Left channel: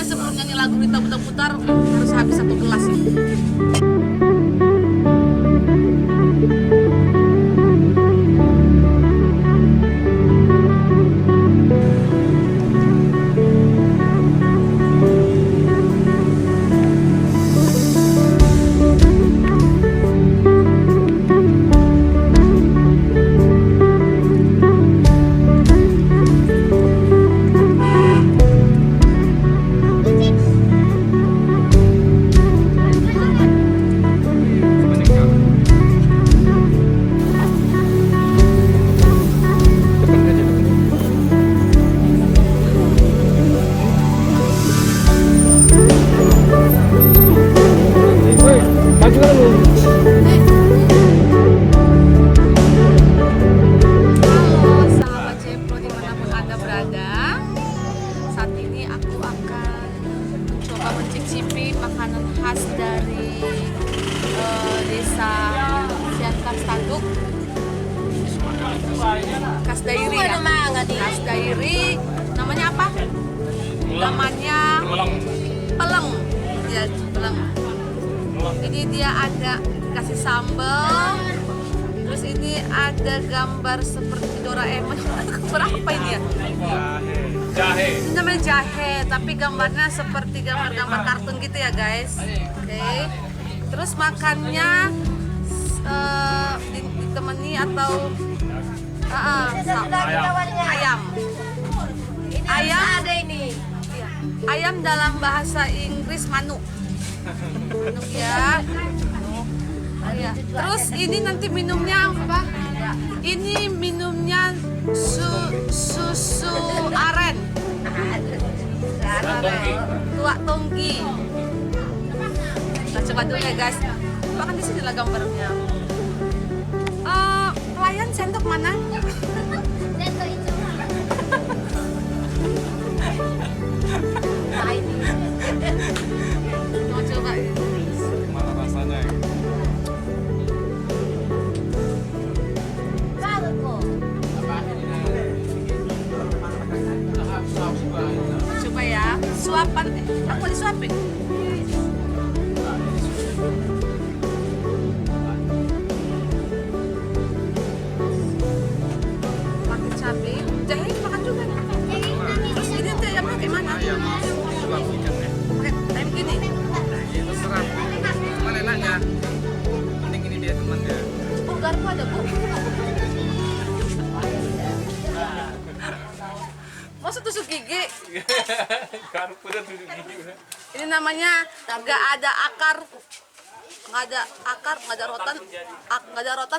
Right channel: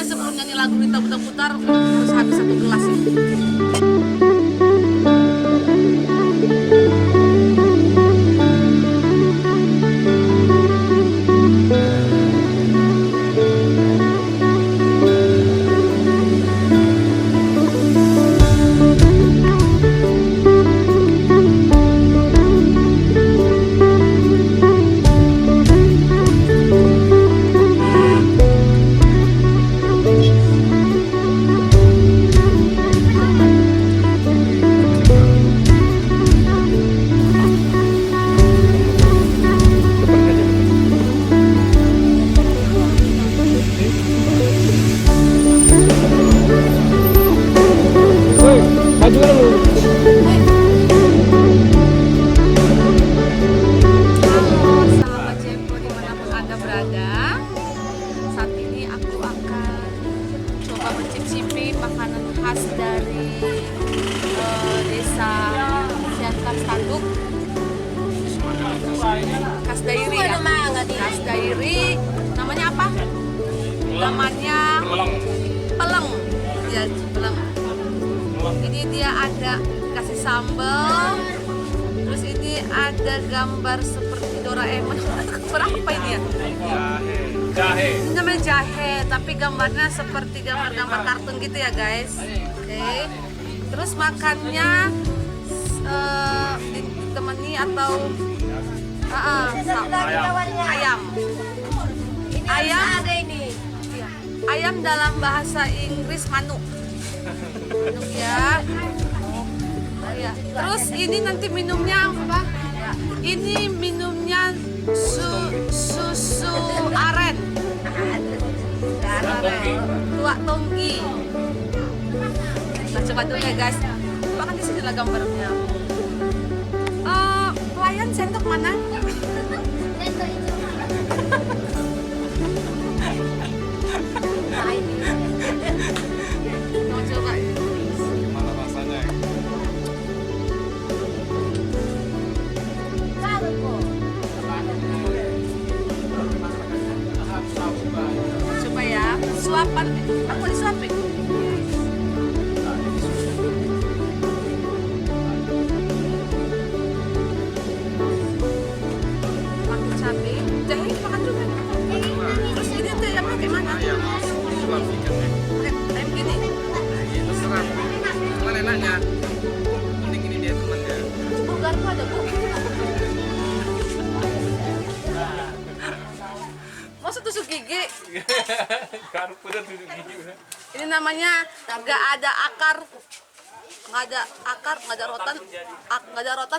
Pokoknya sebelum nyanyi lagu Rita putar-putar harus habis satu gelas ya. Khas Dairi, namanya apa? Namanya peleng. Ya, peleng. Ini dia ada kasih sambal. Terus ini ada gambar seperti Doraemon. Berapa ini ya? Jahe. Ini namanya jahe, tapi gambarnya seperti gambar-gambar kartun gitu ya, guys. Oke. Terus makannya ditemani atau ayam. Ayam ada ini. Iya. Ayam dalam bahasa Inggris manuk. Manuk ya. Ya. Terus ini nanti minumnya apa? Ini minumnya susu aren. Tua tonggi. Kita coba dulu ya, guys. Bahkan di sini lah gambarnya. Pelayan sendok mana? Mau coba ya? Gimana rasanya? Coba ya, suapan. Aku disuapin. Pakai cabai, jahe makan juga. Terus ini tuh yang pakai mana? Kayak begini. Terserah. Cuman enaknya. Mending ini dia temannya. Oh, garpu ada, Bu. Masa tusuk gigi? Garpu dan tusuk gigi. Ini namanya nggak ada akar, nggak ada rotan,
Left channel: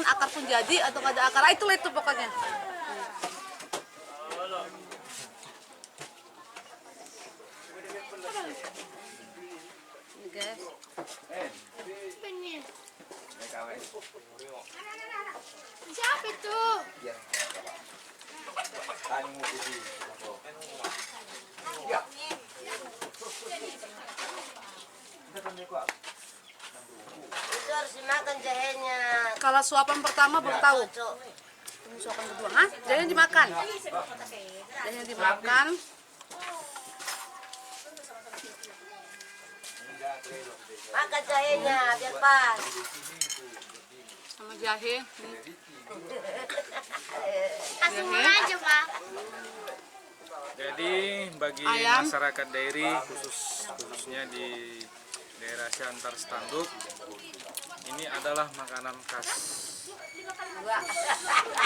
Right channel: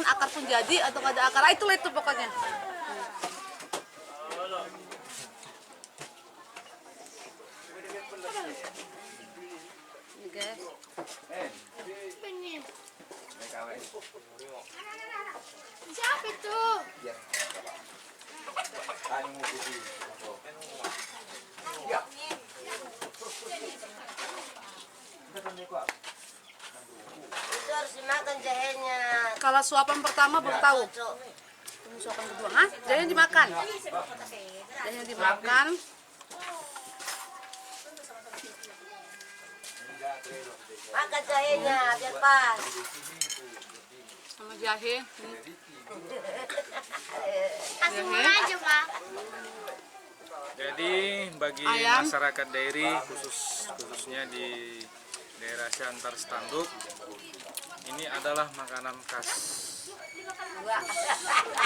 akar pun jadi atau nggak ada akar. Itulah itu pokoknya. Ini guys. Siapa itu? Itu harus dimakan jahenya. Kalau suapan pertama belum tahu. Ini suapan kedua, hah? Jadinya dimakan. Jadinya dimakan. Makan jahenya biar pas. Sama jahe. Langsung aja, Pak. Jadi bagi Ayam. masyarakat Dairi khususnya di daerah Siantar Standuk, ini adalah makanan khas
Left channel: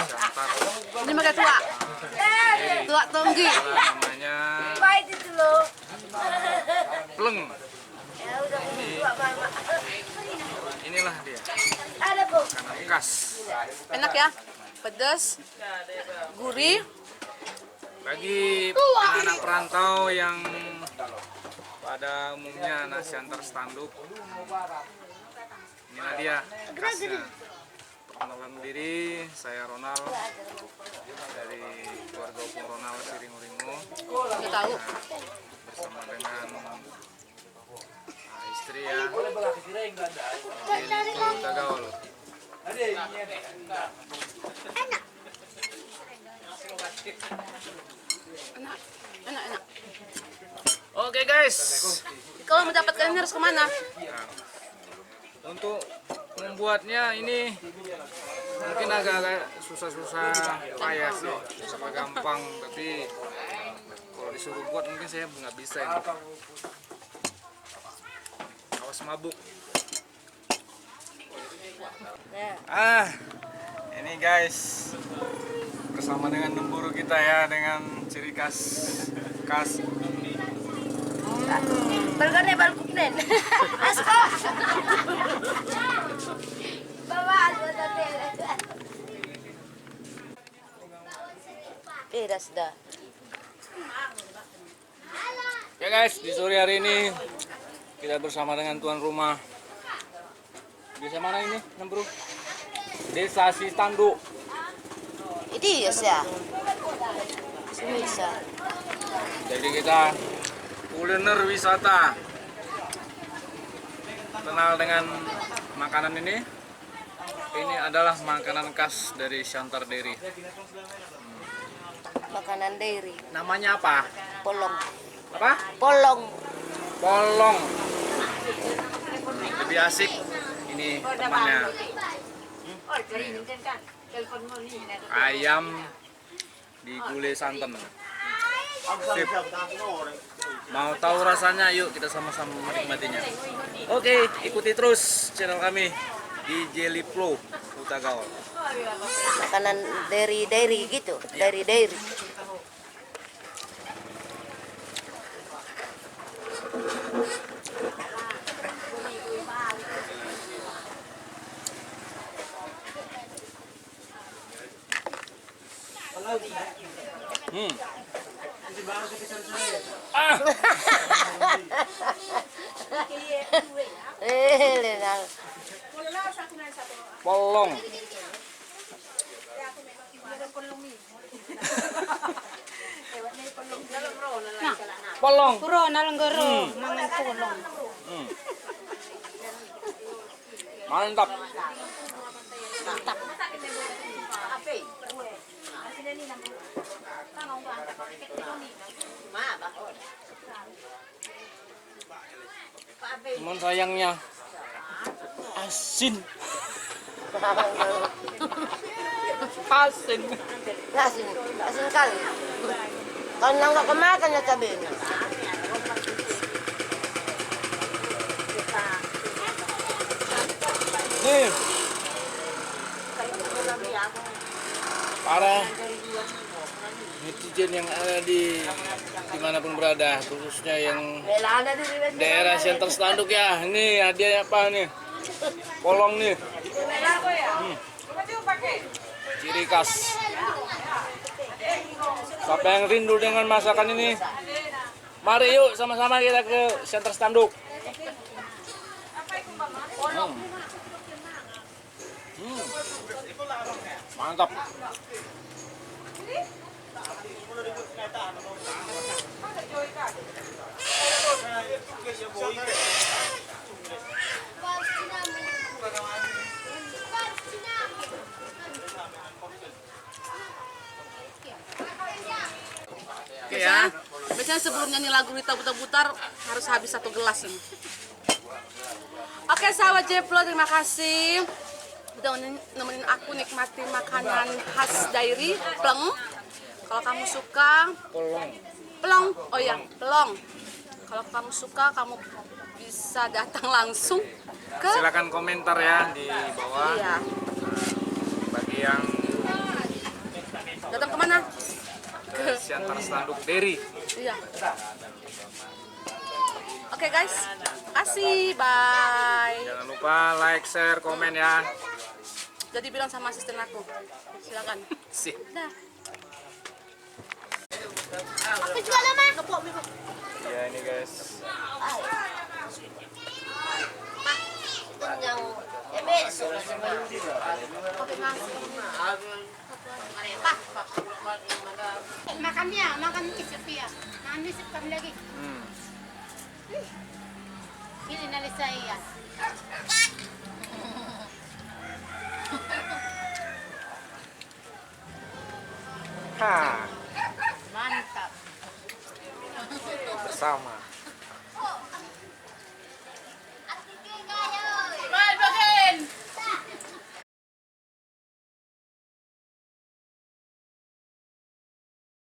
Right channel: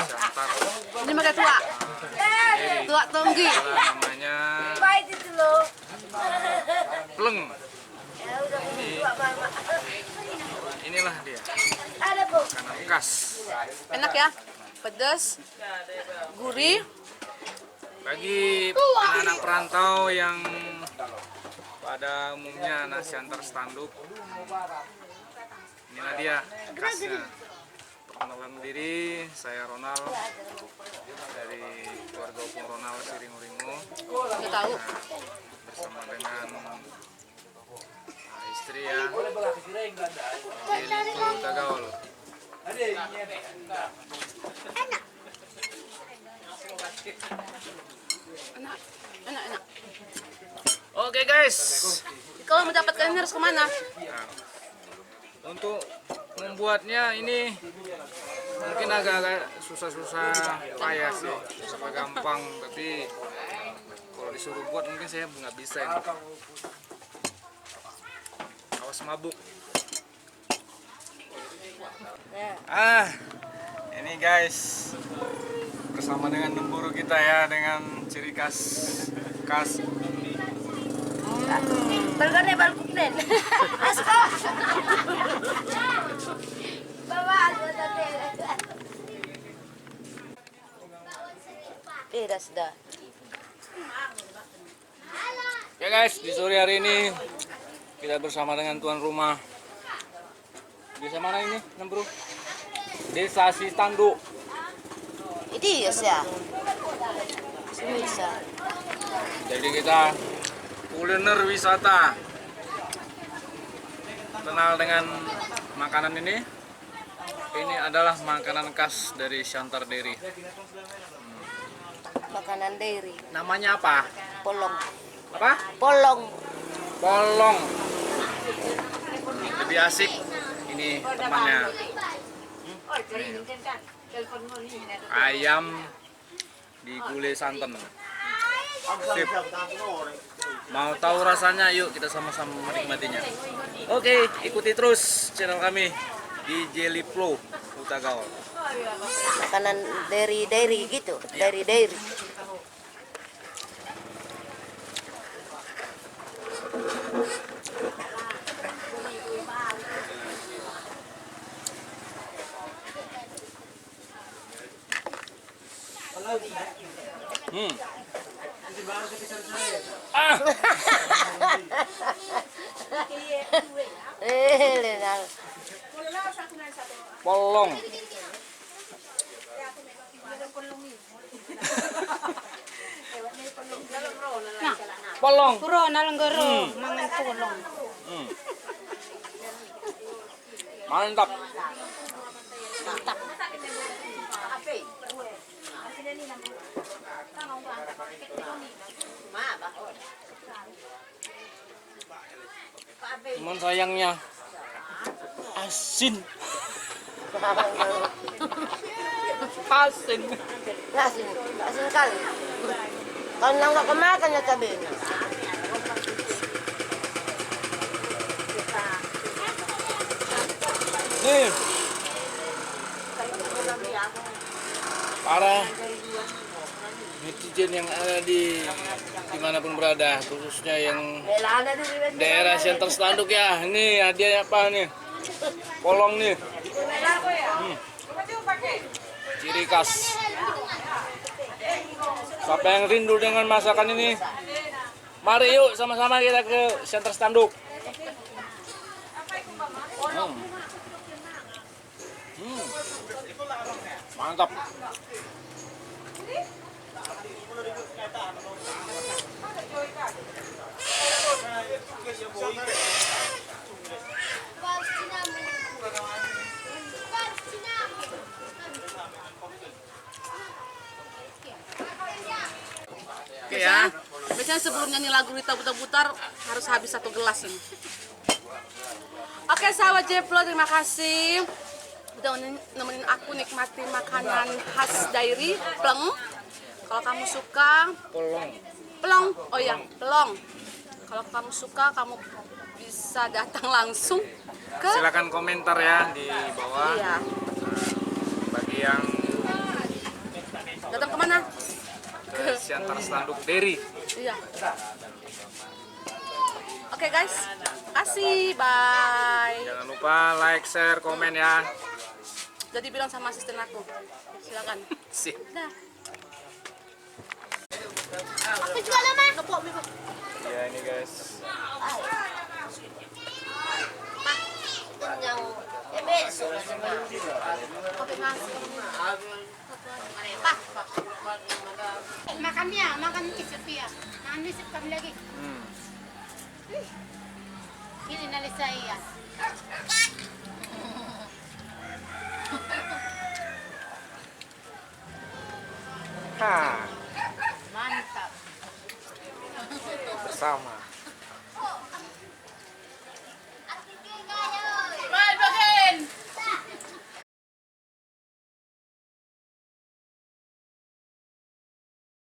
Siantar. Ini pakai tua. Dairi. Tua tonggi. Namanya Baik itu loh. pleng. Ya udah ini Mama. Inilah dia Ada, Bu. makanan khas. Enak ya, pedas, gurih. Bagi anak-anak perantau yang pada umumnya anak Siantar Standuk, inilah dia khasnya. Perkenalkan diri, saya Ronald dari keluarga Opung Ronald Siringuringo. Kita tahu. Bersama dengan istri ya, Lili Tagaol. Enak, enak, enak. Oke guys. Kalau mendapatkan ini harus kemana? Nah, untuk membuatnya ini mungkin agak-agak susah-susah payah sih, susah gampang, tapi kalau disuruh buat mungkin saya nggak bisa ini. Awas mabuk. Ini guys bersama dengan lemburu kita ya, dengan ciri khas Balgone balkuknen. Asko. Bawa aku tadi. Pedas dah. ya guys. Di sore hari ini kita bersama dengan tuan rumah. Desa mana ini, Bro? Desa Sitanduk. Ini ya sih. Bisa. Jadi kita kuliner wisata. Kenal dengan makanan ini. Ini adalah makanan khas dari Shantar Dairy. Makanan dairy. Namanya apa? Polong. Apa? Polong. Polong. Lebih asik ini temannya. Ayam digulai santan. Sip. Mau tahu rasanya? Yuk kita sama-sama menikmatinya. Oke, ikuti terus channel kami di Jelly Flow Utagaul. Makanan dairy gitu. Dairy. Polong. Polong. Puro nalanggaro, mangan polong. Mantap. Cuman sayangnya asin. Asin. Asin kali. Kalau nggak kemakan ya cabenya. Nih. Para netizen yang ada di dimanapun berada, khususnya yang daerah Shantar Sitanduk ya. Ini hadiahnya apa nih? Polong nih. Ciri khas. Siapa yang rindu dengan masakan ini? Mari yuk sama-sama kita ke Shantar Sitanduk. Mantap. Oke ya. Biasanya sebelum nyanyi lagu Rita Butar-Butar harus habis 1 gelas ini. Oke sahabat Jeplo, terima kasih udah nemenin aku nikmati makanan khas dairy pleng. Kalau kamu suka pelong, oh ya pelong. Kalau kamu suka, kamu bisa datang langsung ke. Silakan komentar ya di bawah. Iya. Bagi yang Datang kemana? ke Shantar Sitanduk Dairy. Iya. Oke guys, kasih, bye. Jangan lupa like, share, komen ya. Jadi bilang sama asisten aku, silakan. Sip. Dah. Aku juga lama. Ya ini guys. Yang besok. Makan dia, makan isip dia. Makan isip kami lagi. Ini nali saya. Ha, Mantap. bersama